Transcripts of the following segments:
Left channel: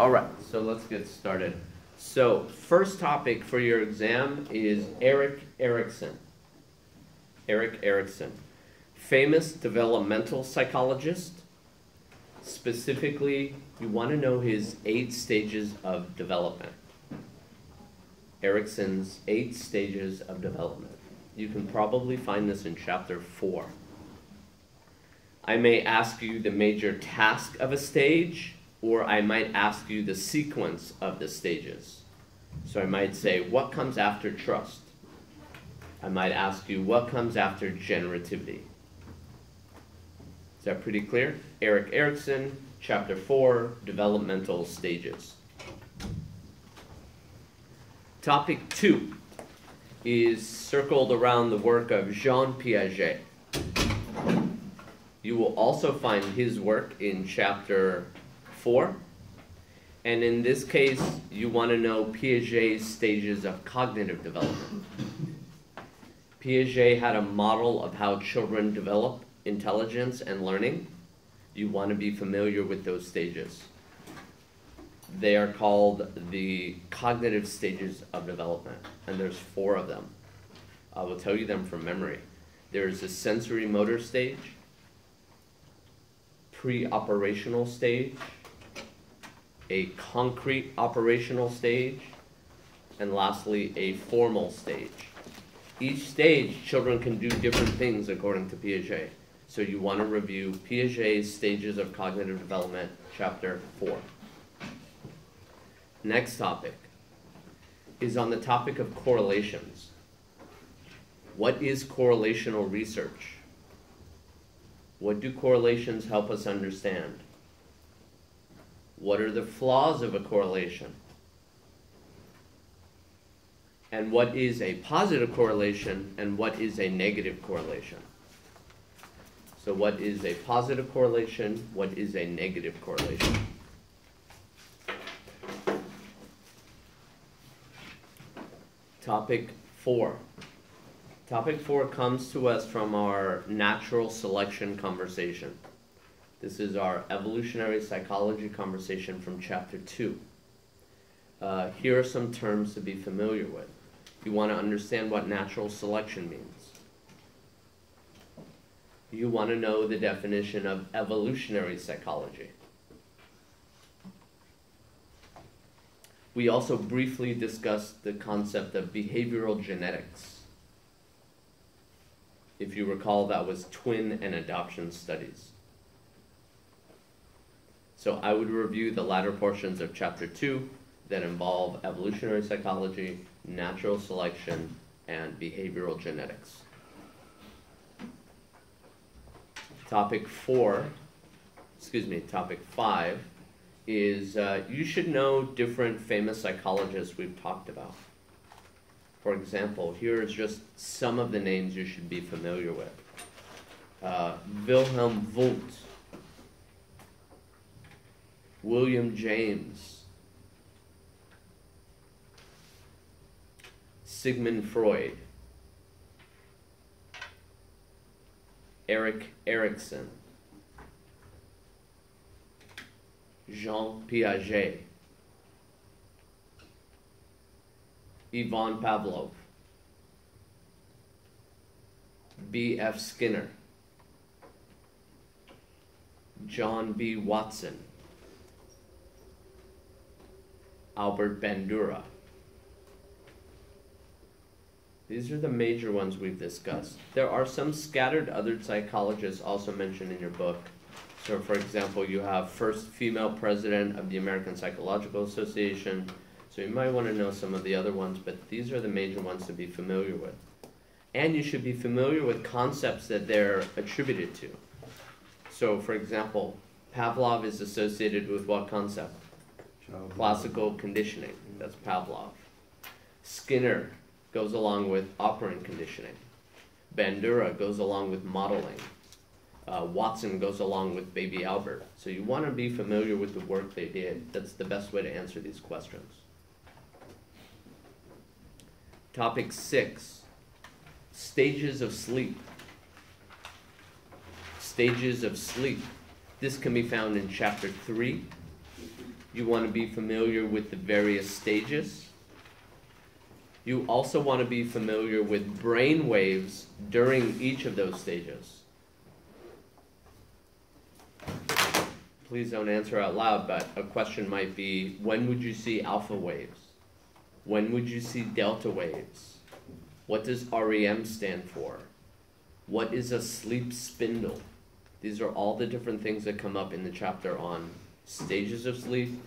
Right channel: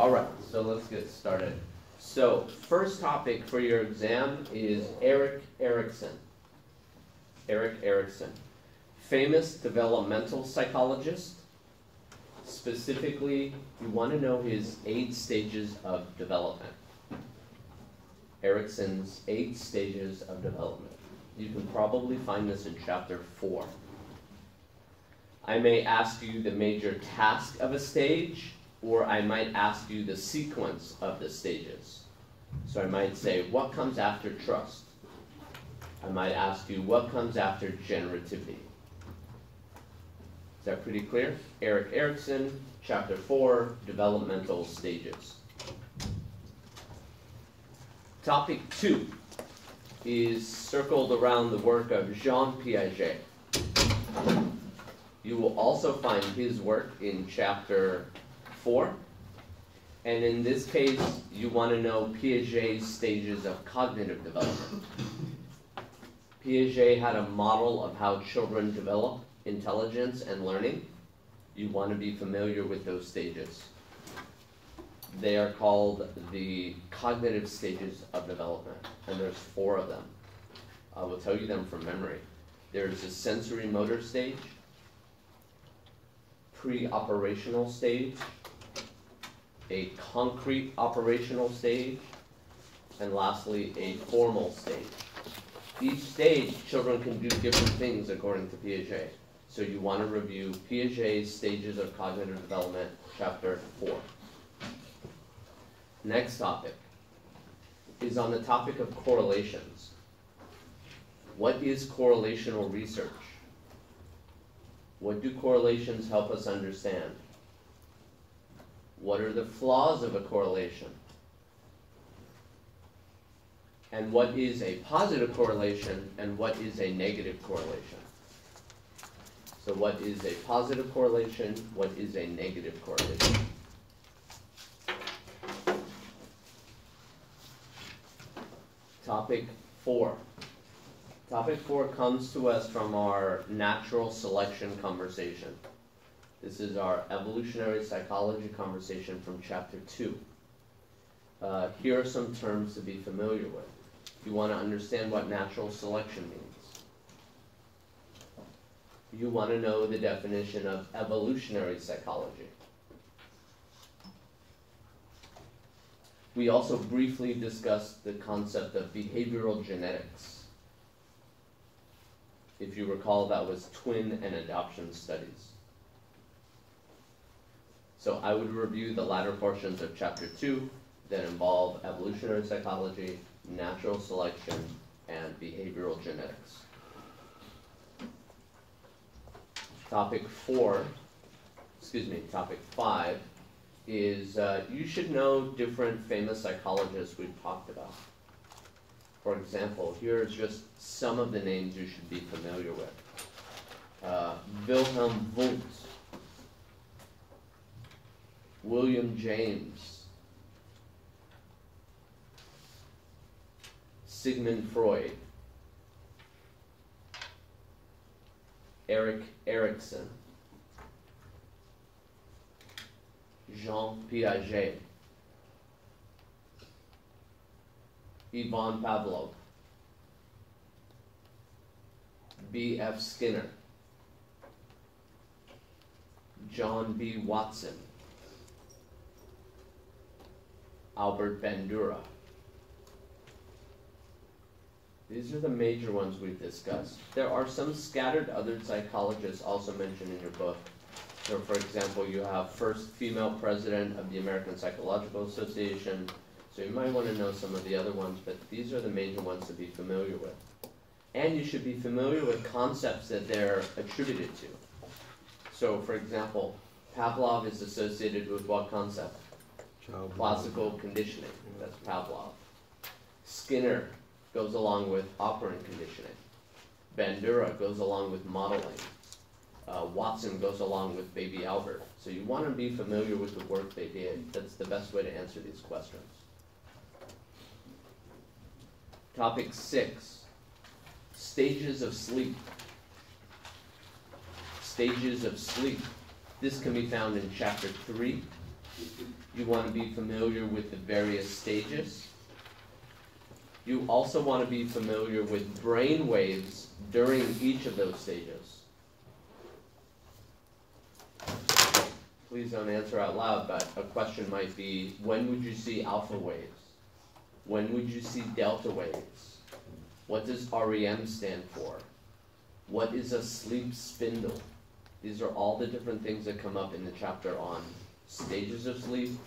All right, so let's get started. So first topic for your exam is Erik Erikson. Erik Erikson, famous developmental psychologist. Specifically, you want to know his 8 stages of development. Erikson's 8 stages of development. You can probably find this in chapter 4. I may ask you the major task of a stage, or I might ask you the sequence of the stages. So I might say, what comes after trust? I might ask you, what comes after generativity? Is that pretty clear? Erik Erikson, chapter 4, developmental stages. Topic 2 is circled around the work of Jean Piaget. You will also find his work in chapter 4. And in this case, you want to know Piaget's stages of cognitive development. Piaget had a model of how children develop intelligence and learning. You want to be familiar with those stages. They are called the cognitive stages of development, and there's 4 of them. I will tell you them from memory. There's a sensory motor stage, pre-operational stage, a concrete operational stage, and lastly, a formal stage. Each stage, children can do different things according to Piaget. So you want to review Piaget's stages of cognitive development, chapter 4. Next topic is on the topic of correlations. What is correlational research? What do correlations help us understand? What are the flaws of a correlation? And what is a positive correlation and what is a negative correlation? So what is a positive correlation? What is a negative correlation? Topic 4. Topic 4 comes to us from our natural selection conversation. This is our evolutionary psychology conversation from chapter 2. Here are some terms to be familiar with. You want to understand what natural selection means. You want to know the definition of evolutionary psychology. We also briefly discussed the concept of behavioral genetics. If you recall, that was twin and adoption studies. So I would review the latter portions of chapter 2 that involve evolutionary psychology, natural selection, and behavioral genetics. Topic 5 is you should know different famous psychologists we've talked about. For example, here's just some of the names you should be familiar with. Wilhelm Wundt, William James, Sigmund Freud, Erik Erikson, Jean Piaget, Ivan Pavlov, B.F. Skinner, John B. Watson, Albert Bandura. These are the major ones we've discussed. There are some scattered other psychologists also mentioned in your book. So for example, you have first female president of the American Psychological Association. So you might want to know some of the other ones, but these are the major ones to be familiar with. And you should be familiar with concepts that they're attributed to. So for example, Pavlov is associated with what concept? Classical conditioning. That's Pavlov. Skinner goes along with operant conditioning. Bandura goes along with modeling. Watson goes along with baby Albert. So you want to be familiar with the work they did. That's the best way to answer these questions. Topic 6, stages of sleep. Stages of sleep. This can be found in chapter 3. You want to be familiar with the various stages. You also want to be familiar with brain waves during each of those stages. Please don't answer out loud, but a question might be, when would you see alpha waves? When would you see delta waves? What does REM stand for? What is a sleep spindle? These are all the different things that come up in the chapter on stages of sleep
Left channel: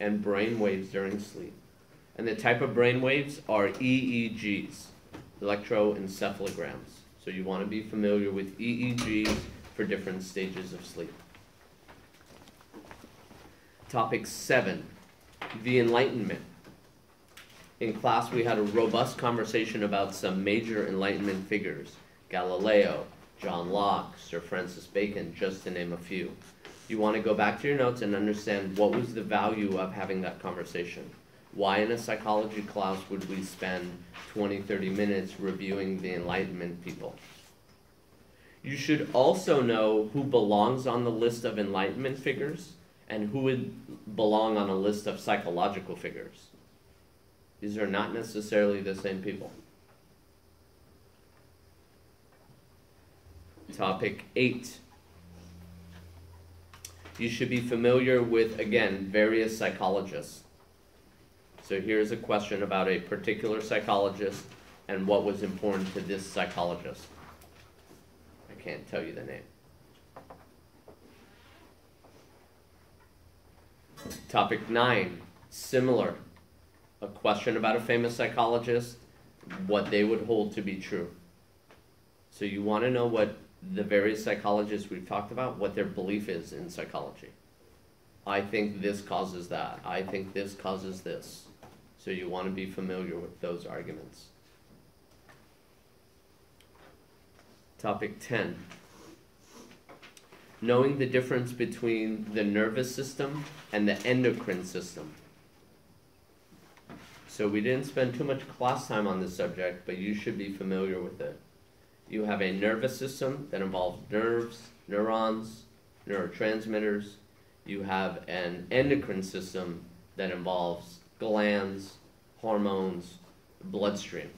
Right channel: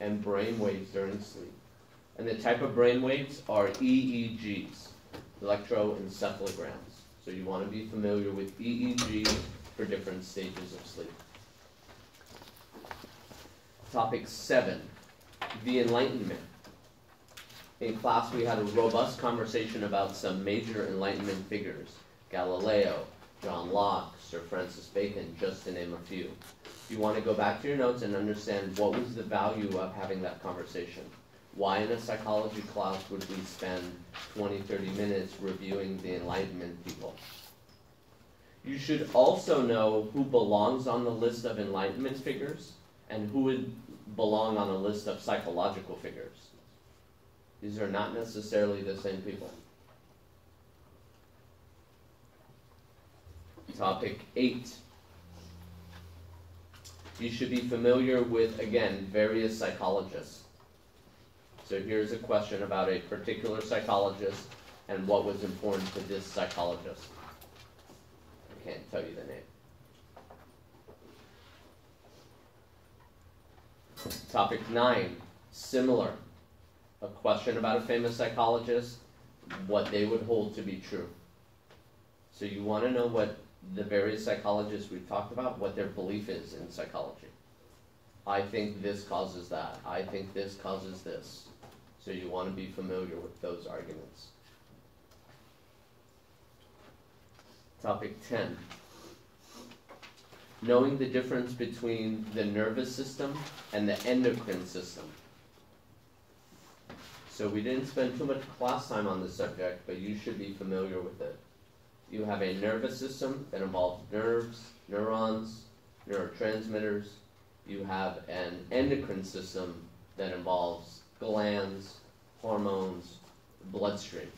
and brain waves during sleep. And the type of brain waves are EEGs, electroencephalograms. So you want to be familiar with EEGs for different stages of sleep. Topic 7, the Enlightenment. In class we had a robust conversation about some major Enlightenment figures, Galileo, John Locke, Sir Francis Bacon, just to name a few. You want to go back to your notes and understand what was the value of having that conversation. Why in a psychology class would we spend 20-30 minutes reviewing the Enlightenment people? You should also know who belongs on the list of Enlightenment figures and who would belong on a list of psychological figures. These are not necessarily the same people. Topic 8. You should be familiar with, again, various psychologists. So here's a question about a particular psychologist and what was important to this psychologist. I can't tell you the name. Topic 9, similar. A question about a famous psychologist, what they would hold to be true. So you want to know what the various psychologists we've talked about, what their belief is in psychology. I think this causes that. I think this causes this. So you want to be familiar with those arguments. Topic 10. Knowing the difference between the nervous system and the endocrine system. So we didn't spend too much class time on this subject, but you should be familiar with it. You have a nervous system that involves nerves, neurons, neurotransmitters. You have an endocrine system that involves glands, hormones, bloodstream.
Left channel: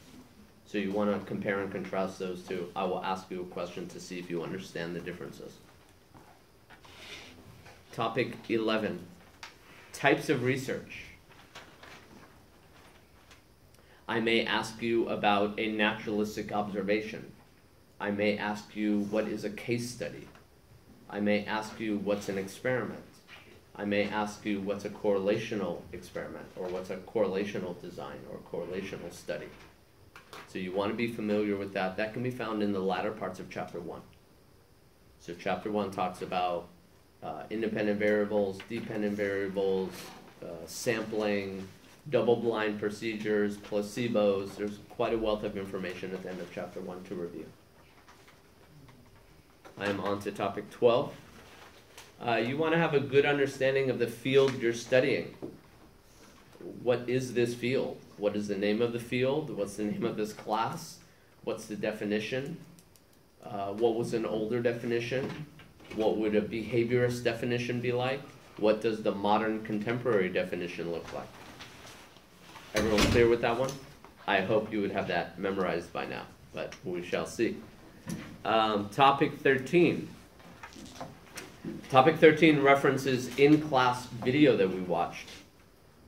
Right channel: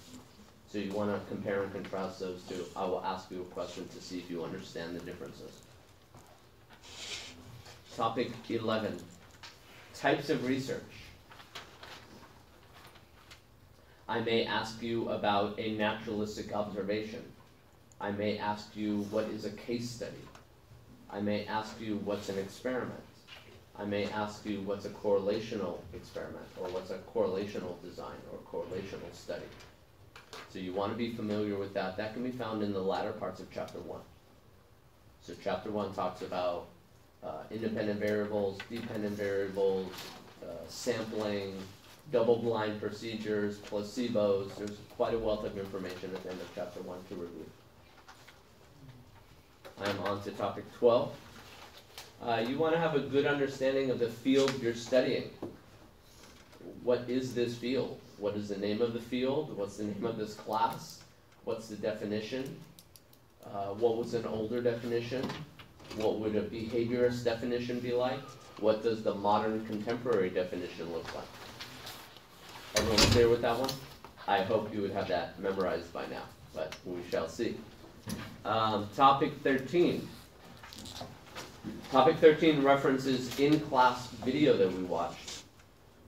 So you want to compare and contrast those two. I will ask you a question to see if you understand the differences. Topic 11, types of research. I may ask you about a naturalistic observation. I may ask you what is a case study. I may ask you what's an experiment. I may ask you what's a correlational experiment, or what's a correlational design or correlational study. So you want to be familiar with that. That can be found in the latter parts of chapter 1. So chapter 1 talks about independent variables, dependent variables, sampling, double-blind procedures, placebos. There's quite a wealth of information at the end of chapter 1 to review. I am on to topic 12. You want to have a good understanding of the field you're studying. What is this field? What is the name of the field? What's the name of this class? What's the definition? What was an older definition? What would a behaviorist definition be like? What does the modern contemporary definition look like? Everyone clear with that one? I hope you would have that memorized by now, but we shall see. Topic 13. Topic 13 references in-class video that we watched.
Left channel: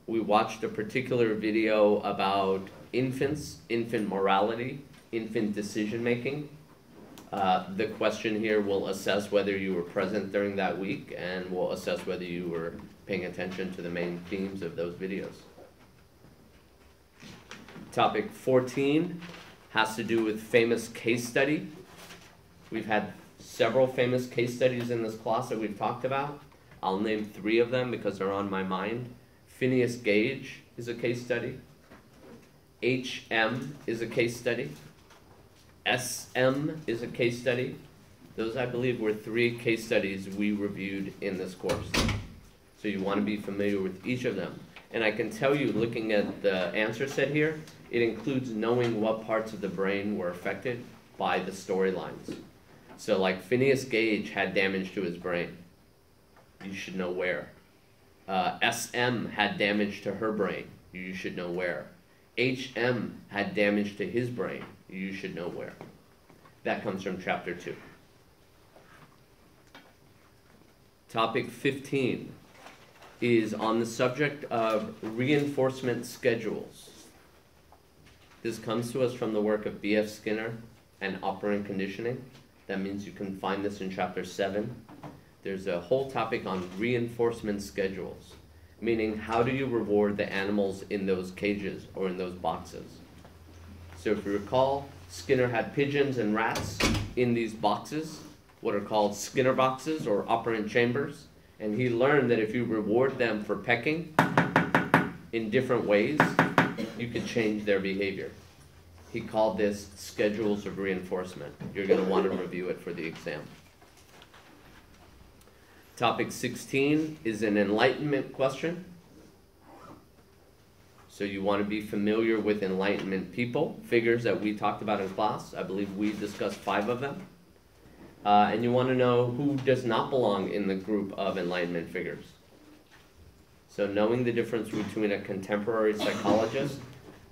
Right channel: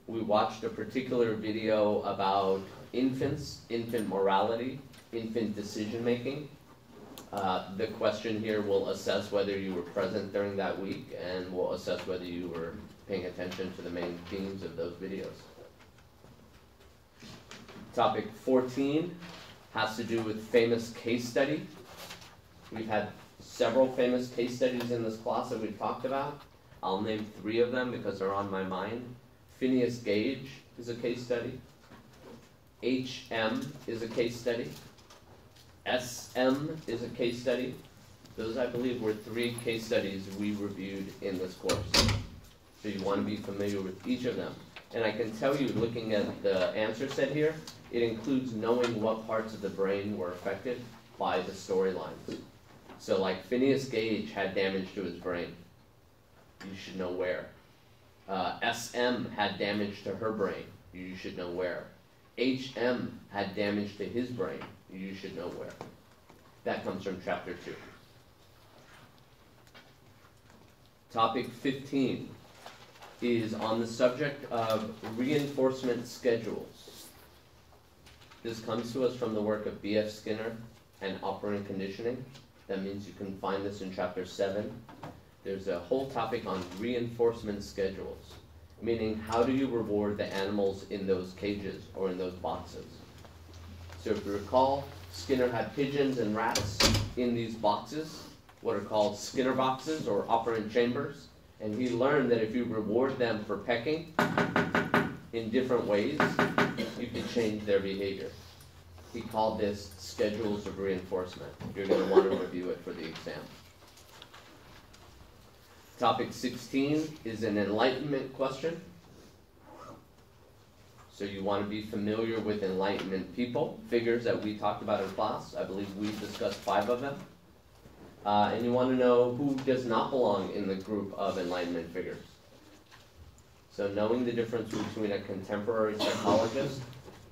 We watched a particular video about infants, infant morality, infant decision-making. The question here will assess whether you were present during that week and will assess whether you were paying attention to the main themes of those videos. Topic 14 has to do with famous case study. We've had several famous case studies in this class that we've talked about. I'll name 3 of them because they're on my mind. Phineas Gage is a case study. HM is a case study. SM is a case study. Those, I believe, were 3 case studies we reviewed in this course. So you want to be familiar with each of them. And I can tell you, looking at the answer set here, it includes knowing what parts of the brain were affected by the storylines. So like Phineas Gage had damage to his brain. You should know where. SM had damage to her brain. You should know where. HM had damage to his brain. You should know where. That comes from chapter 2. Topic 15 is on the subject of reinforcement schedules. This comes to us from the work of B.F. Skinner and operant conditioning. That means you can find this in chapter 7. There's a whole topic on reinforcement schedules, meaning how do you reward the animals in those cages or in those boxes. So if you recall, Skinner had pigeons and rats in these boxes, what are called Skinner boxes or operant chambers, and he learned that if you reward them for pecking in different ways, you can change their behavior. He called this schedules of reinforcement. You're going to want to review it for the exam. Topic 16 is an enlightenment question. So you want to be familiar with enlightenment people, figures that we talked about in class. I believe we discussed 5 of them. And you want to know who does not belong in the group of enlightenment figures. So knowing the difference between a contemporary psychologist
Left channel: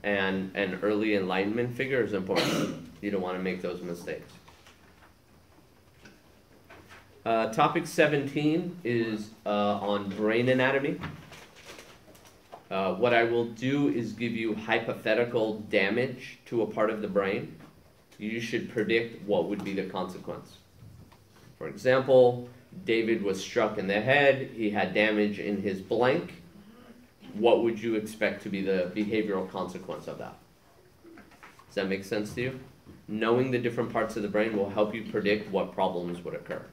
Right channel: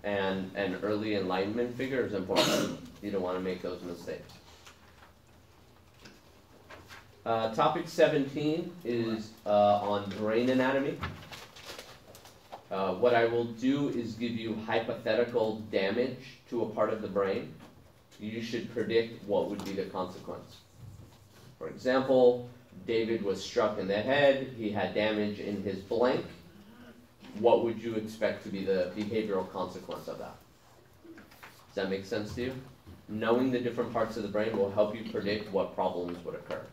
and an early enlightenment figure is important. You don't want to make those mistakes. Topic 17 is on brain anatomy. What I will do is give you hypothetical damage to a part of the brain. You should predict what would be the consequence. For example, David was struck in the head, he had damage in his blank. What would you expect to be the behavioral consequence of that? Does that make sense to you? Knowing the different parts of the brain will help you predict what problems would occur.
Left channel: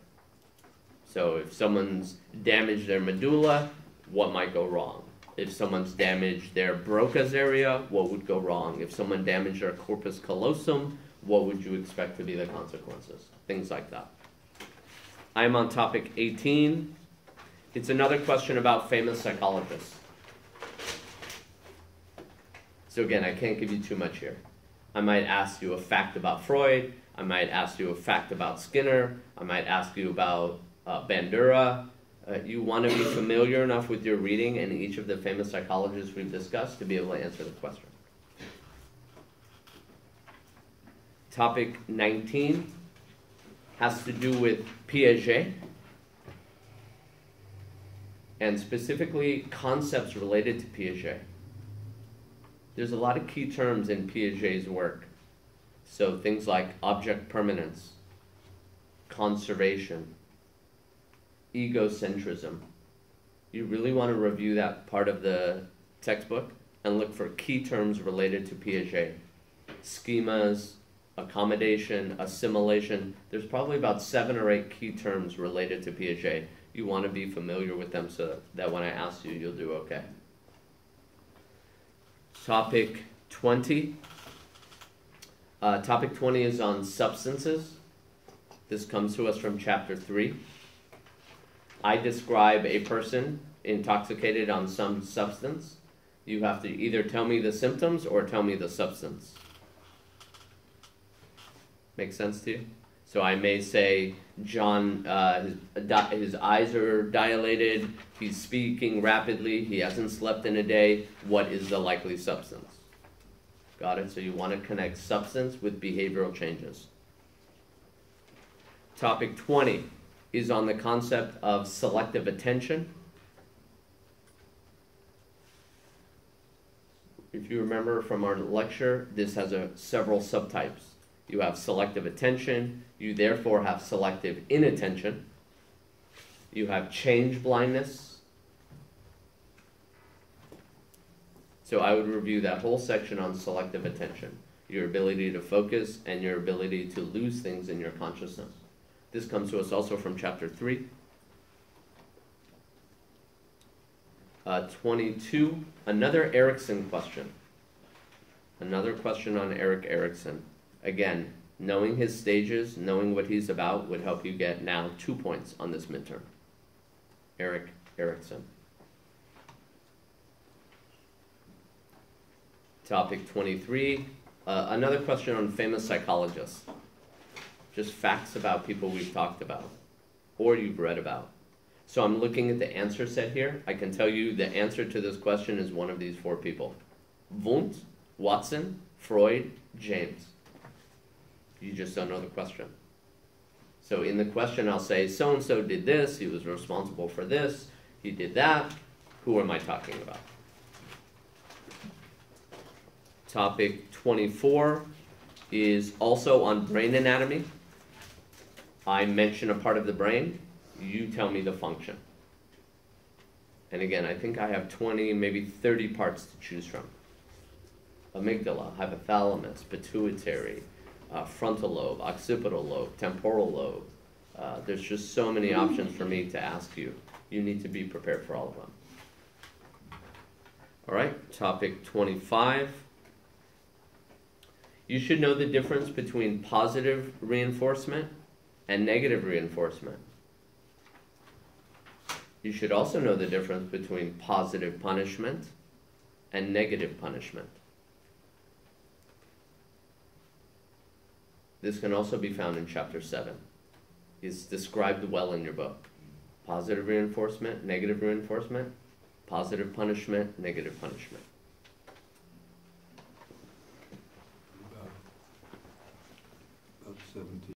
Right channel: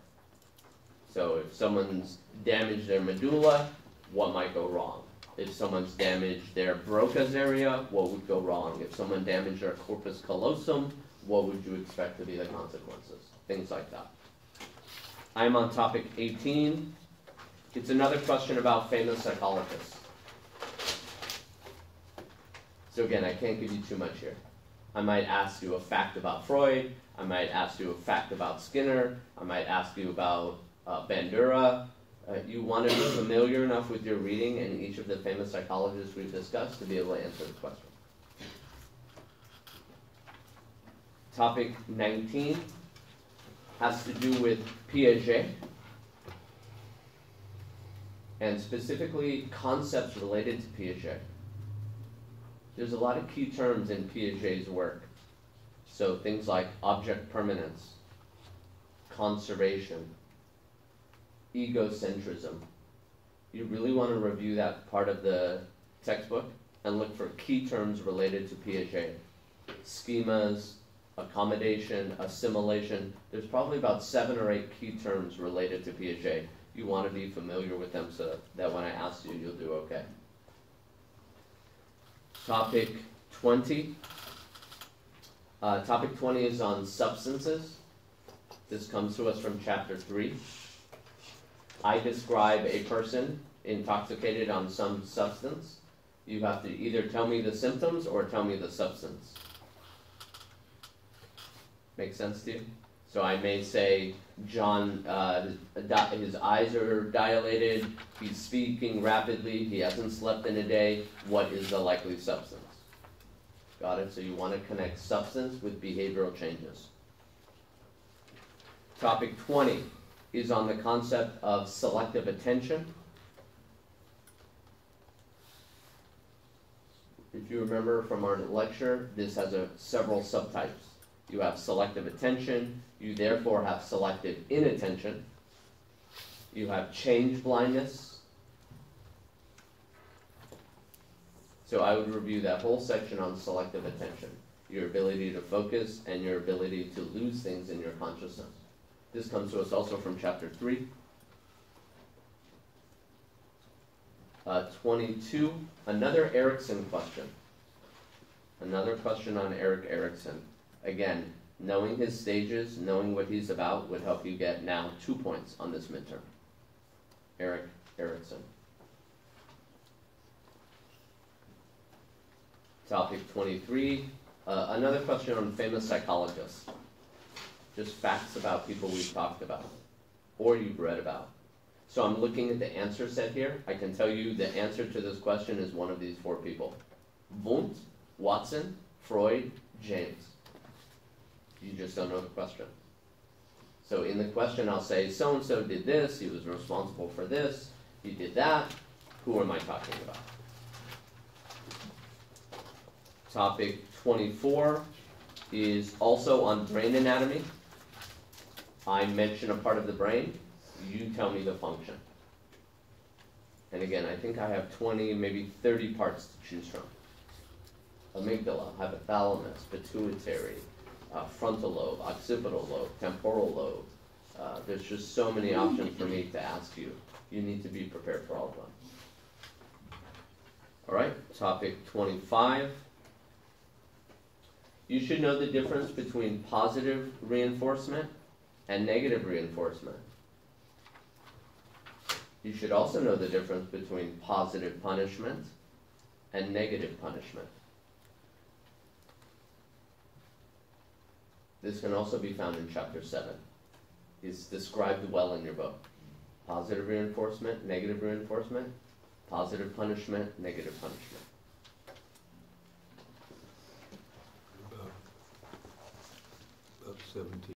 So if someone's damaged their medulla, what might go wrong? If someone's damaged their Broca's area, what would go wrong? If someone damaged their corpus callosum, what would you expect to be the consequences? Things like that. I'm on topic 18. It's another question about famous psychologists. So again, I can't give you too much here. I might ask you a fact about Freud. I might ask you a fact about Skinner. I might ask you about Bandura. You want to be familiar enough with your reading and each of the famous psychologists we've discussed to be able to answer the question. Topic 19 has to do with Piaget, and specifically concepts related to Piaget. There's a lot of key terms in Piaget's work. So things like object permanence, conservation, egocentrism. You really want to review that part of the textbook and look for key terms related to Piaget. Schemas, accommodation, assimilation. There's probably about 7 or 8 key terms related to Piaget. You want to be familiar with them so that when I ask you, you'll do okay. Topic 20. Topic 20 is on substances. This comes to us from chapter 3. I describe a person intoxicated on some substance. You have to either tell me the symptoms or tell me the substance. Make sense to you? So I may say, John, his eyes are dilated, he's speaking rapidly, he hasn't slept in a day. What is the likely substance? Got it? So you want to connect substance with behavioral changes. Topic 20 is on the concept of selective attention. If you remember from our lecture, this has several subtypes. You have selective attention, you therefore have selective inattention. You have change blindness. So I would review that whole section on selective attention, your ability to focus and your ability to lose things in your consciousness. This comes to us also from chapter 3. 22, another Erikson question. Another question on Erik Erikson. Again, knowing his stages, knowing what he's about would help you get now 2 points on this midterm. Erik Erikson. Topic 23, another question on famous psychologists. Just facts about people we've talked about or you've read about. So I'm looking at the answer set here. I can tell you the answer to this question is one of these four people. Wundt, Watson, Freud, James. You just don't know the question. So in the question I'll say, so-and-so did this, he was responsible for this, he did that. Who am I talking about? Topic 24 is also on brain anatomy. I mention a part of the brain, you tell me the function. And again, I think I have 20, maybe 30 parts to choose from. Amygdala, hypothalamus, pituitary, frontal lobe, occipital lobe, temporal lobe. There's just so many options for me to ask you. You need to be prepared for all of them. All right, topic 25. You should know the difference between positive reinforcement and negative reinforcement. You should also know the difference between positive punishment and negative punishment. This can also be found in chapter 7. It's described well in your book. Positive reinforcement, negative reinforcement, positive punishment, negative punishment.